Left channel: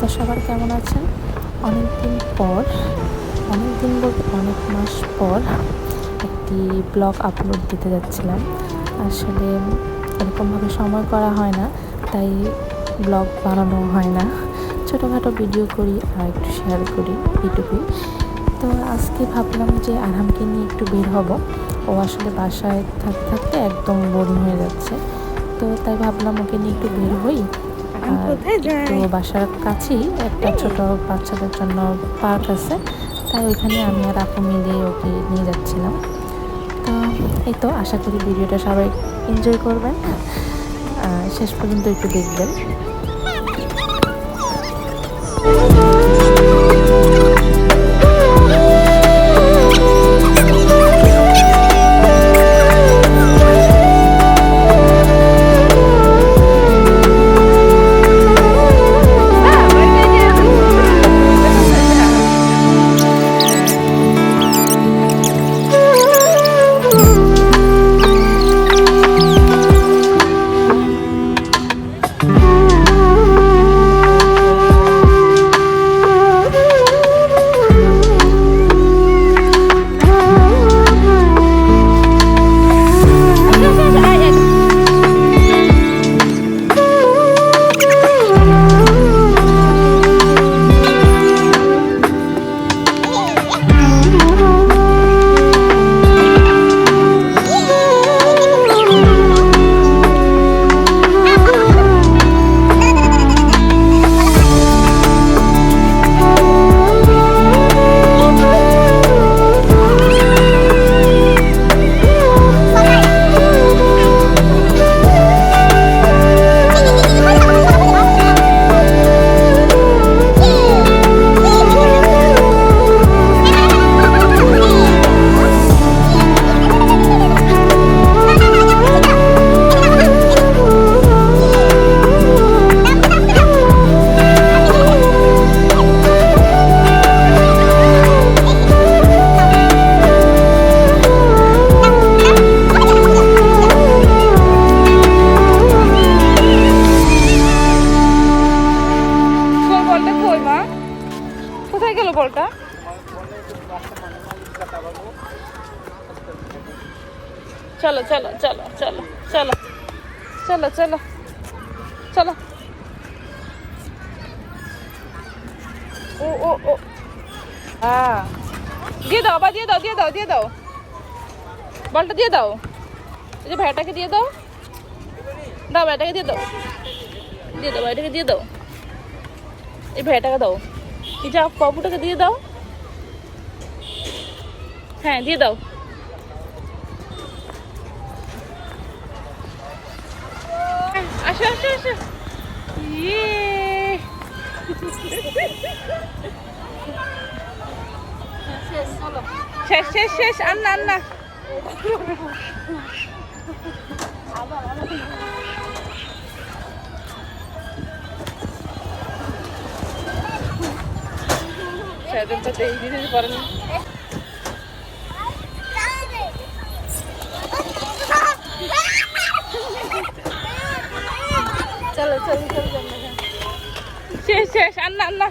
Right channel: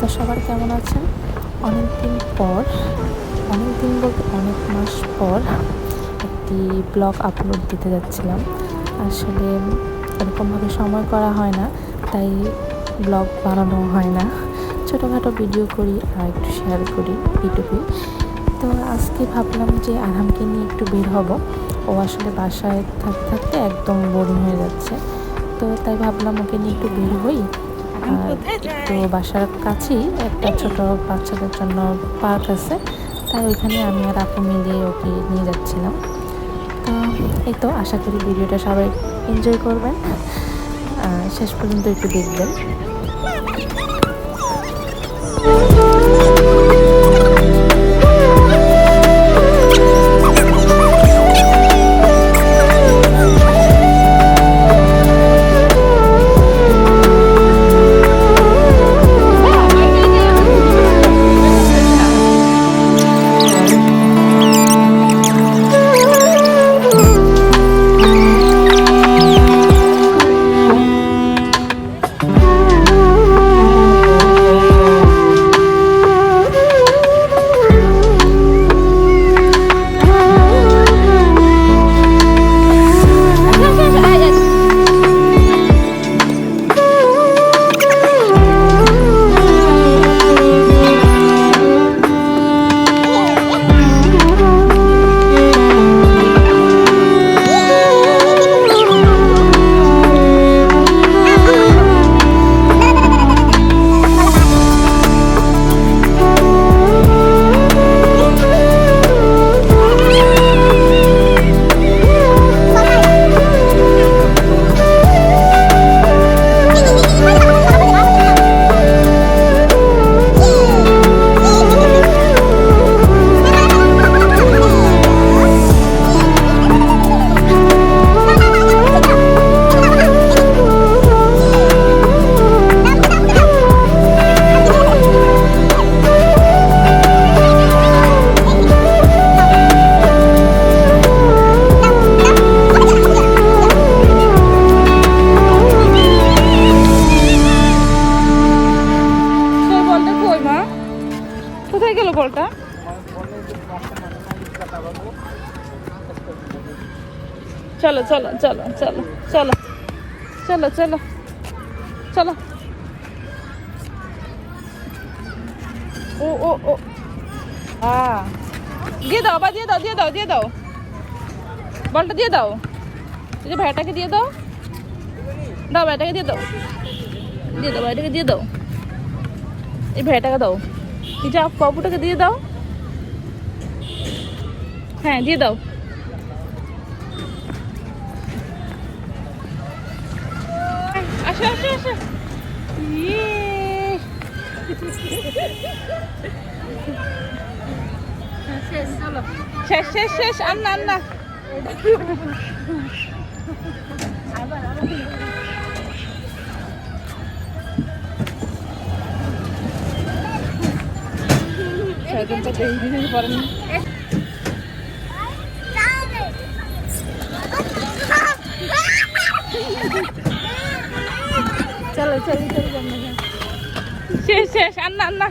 অবস্থা সবার কেমন আছেন? অনেক দিন বলতে অনেক মাস পর একটি ব্লগ আপলোড দিতে যাচ্ছিলাম। আসলে এরকমভাবে সময় করা হয় না, তাই ব্লগ বানানো হয় না। ছোটোখাটো ভিডিও করি আর একটু শেয়ার করি, এইটুকুই। তো আজকে ভাবলাম যে আরহামকে নিয়ে একটু বের হব। ও আসলে বাসায় থাকতে থাকতে একদম বোরিং হয়ে যাচ্ছে। তো তাই ভাবলাম ওকে নিয়ে একটু বের হই। আর একটু বাসার কাছেই একটা ছোট বাচ্চাদের জন্য পার্ক আছে, তাই ওইখানে আমি আর আপু মিলে ওকে নিয়ে যাচ্ছিলাম। তো এই তো আশা করি ভিডিওটা সবাই এনজয় করবেন, শেষ পর্যন্ত একটু দেখবেন। चलो चलो चलो चलो चलो चलो चलो चलो ओ ओ ओ हाँ দিয়ে দাও বা দিয়ে দাও দিয়ে দাও দিয়ে দাও বলটা দিয়ে দাও এই ভাইটাকে দিয়ে দাও দাও ভাইটাকে দিয়ে দাও ভাইটাকে দিয়ে দাও এই ভাইটাকে দাও এই যা পপুটাকে দিয়ে দাও হ্যাঁ দিয়ে দাও শেষ আন্না আন্না চলো চলো শেষ আন্না আন্না